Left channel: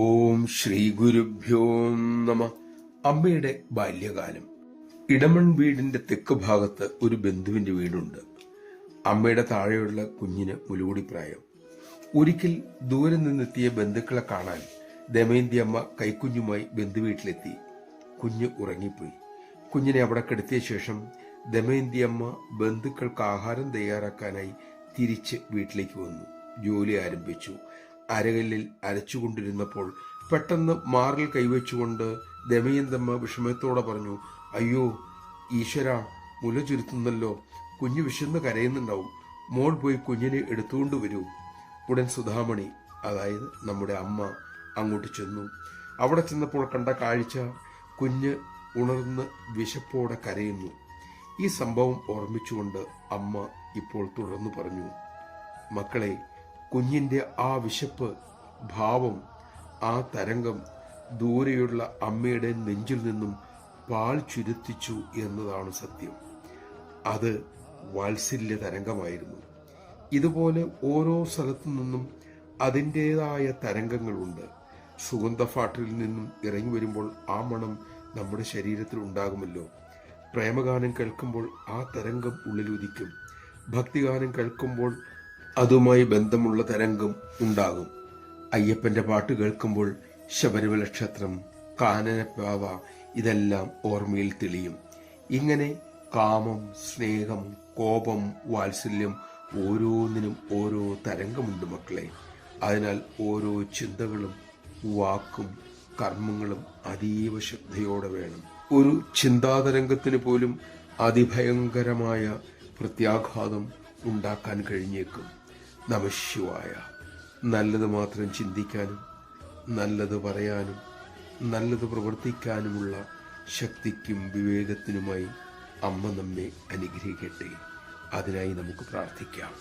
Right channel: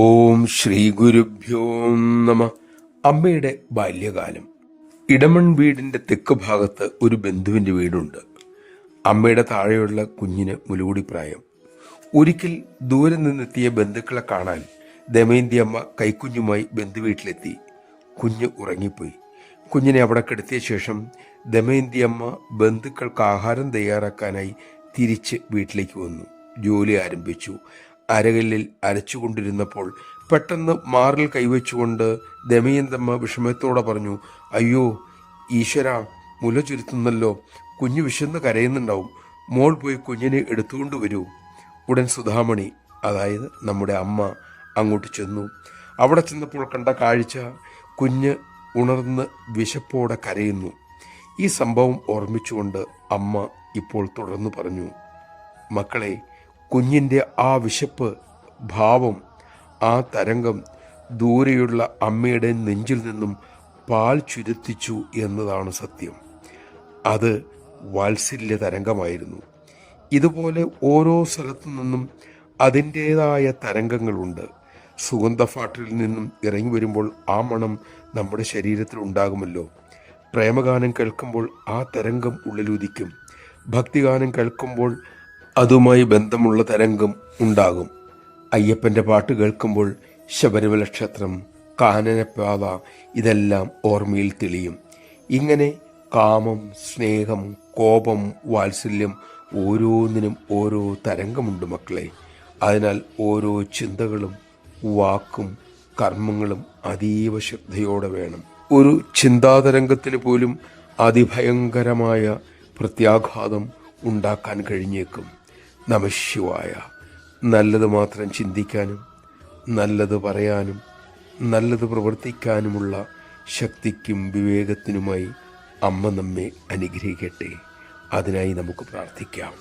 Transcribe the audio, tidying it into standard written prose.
ഓം ശ്രീ ഗുരുഭ്യോ നമ. അമ്മയുടെ ബാല്യകാലം. ഇടമൺ വീടിന്റെ തെക്ക് ഭാഗത്ത് ഒരു ബന്ധുവിന്റെ വീടുണ്ട്. അമ്മയുടെ താഴെയുള്ള കുഞ്ഞിന് മുലകൂടി പ്രായം. ഒരിക്കൽ ദൂരെ നിന്നെത്തിയ ബന്ധുക്കളെ കാണാൻ ദമയന്തി അമ്മ കൈക്കുഞ്ഞുമായി ബന്ധുവീട്ടിലെത്തി. കുഞ്ഞ് ഉറങ്ങിപ്പോയി. കുഞ്ഞിനെ അവിടെ കിടത്തിയ ശേഷം ദമയന്തി അമ്മ ബന്ധുക്കൾക്ക് ആഹാരം തയ്യാറാക്കാനായി തിരിച്ച് വീട്ടിലേക്ക് വന്നു. ജോലി ആരംഭിച്ചു. അരകല്ലിൽ അരച്ചുകൊണ്ടിരുന്നപ്പോൾ പെട്ടെന്ന് മാറിൽ കൈവച്ചുകൊണ്ട് ദമയന്തമ്മ വിഷമത്തോടെ പറഞ്ഞു, അയ്യോ ഈശ്വര, മുല ചുരുത്തുന്നല്ലോ, കുഞ്ഞു വിശന്ന് കരയുന്നുണ്ടാവും, മോൾ പോയി കുഞ്ഞിനെ എടുത്തുകൊണ്ട് വരൂ. ഉടൻ സുധാമണി, അതായത് നമ്മുടെ അമ്മ, അങ്ങോട്ട് ചെന്നു. അവിടെ ചെന്നപ്പോൾ കണ്ട കാഴ്ച, കുഞ്ഞ് ഉണർന്ന് വിശപ്പോടെ കരയുന്നു. ഈ സംഭവം ഓർമ്മിച്ചുകൊണ്ട് അമ്മ ഇപ്പോൾ തുടർന്ന് പറഞ്ഞു, മക്കളെ, കുഞ്ഞിൻ്റെ ആ വിശപ്പ്, ഭാവം, ആ തരംഗം ദൂരെയുള്ള അമ്മയുടെ നെഞ്ചിൽ നിന്നും പാൽ ചുരുത്തിച്ചു എന്നതാണ് സത്യം. അത് വാത്സല്യ തരംഗമായിരുന്നു. ഇതുപോലെ ഓരോ സ്ഥലത്തു നിന്നും അതിൻ്റേതായ തരംഗങ്ങളുണ്ട്. സുഗന്ധഫാട്ടിൽ നിന്നും ഇറങ്ങി വരുമ്പോൾ ആ മണം നമ്മുടെ ശരീരത്തിൽ ഉണ്ടാകുമല്ലോ. പ്രേമഗാനം കേൾക്കുമ്പോൾ ആ തരംഗം ഉള്ളിലുദിക്കും. ഭക്തിഗാനം കേൾക്കുമ്പോൾ അതുമായി ബന്ധമുള്ള തരംഗം ഉണ്ടാകും. അയ്യപ്പൻ്റെ പാട്ട് കേൾക്കുമ്പോൾ ശബരിമല ക്ഷേത്രം, കാനനപാത, ഇതെല്ലാം ഓർമ്മയിൽ തെളിയും. ഇങ്ങനെ കാമം, സ്നേഹം, കോപം, വാത്സല്യം, ഓരോന്നിനും ഓരോ തരംഗമുണ്ട് മക്കളെ. അതിനാൽ ഓരോ ചിന്തകളും വാക്കും കർമ്മങ്ങളും അതീവ ശ്രദ്ധയോടെ വേണം. ഒരു ചിന്താതരംഗത്തിന് പോലും അതിഭയങ്കരമായ പ്രത്യാഘാതം ഉണ്ടാക്കാൻ കഴിഞ്ഞേക്കും. നമഃശിവായ. നല്ലത് മാത്രം ചിന്തിക്കാനും നല്ലത് പറയാനും നല്ലത് പ്രവർത്തിക്കാനുമുള്ള ശക്തിക്കും വിവേകത്തിനുമായി അമ്മ നമ്മെ അനുഗ്രഹിക്കട്ടെ. അതിനായി നമുക്ക് പ്രാർത്ഥിക്കാം.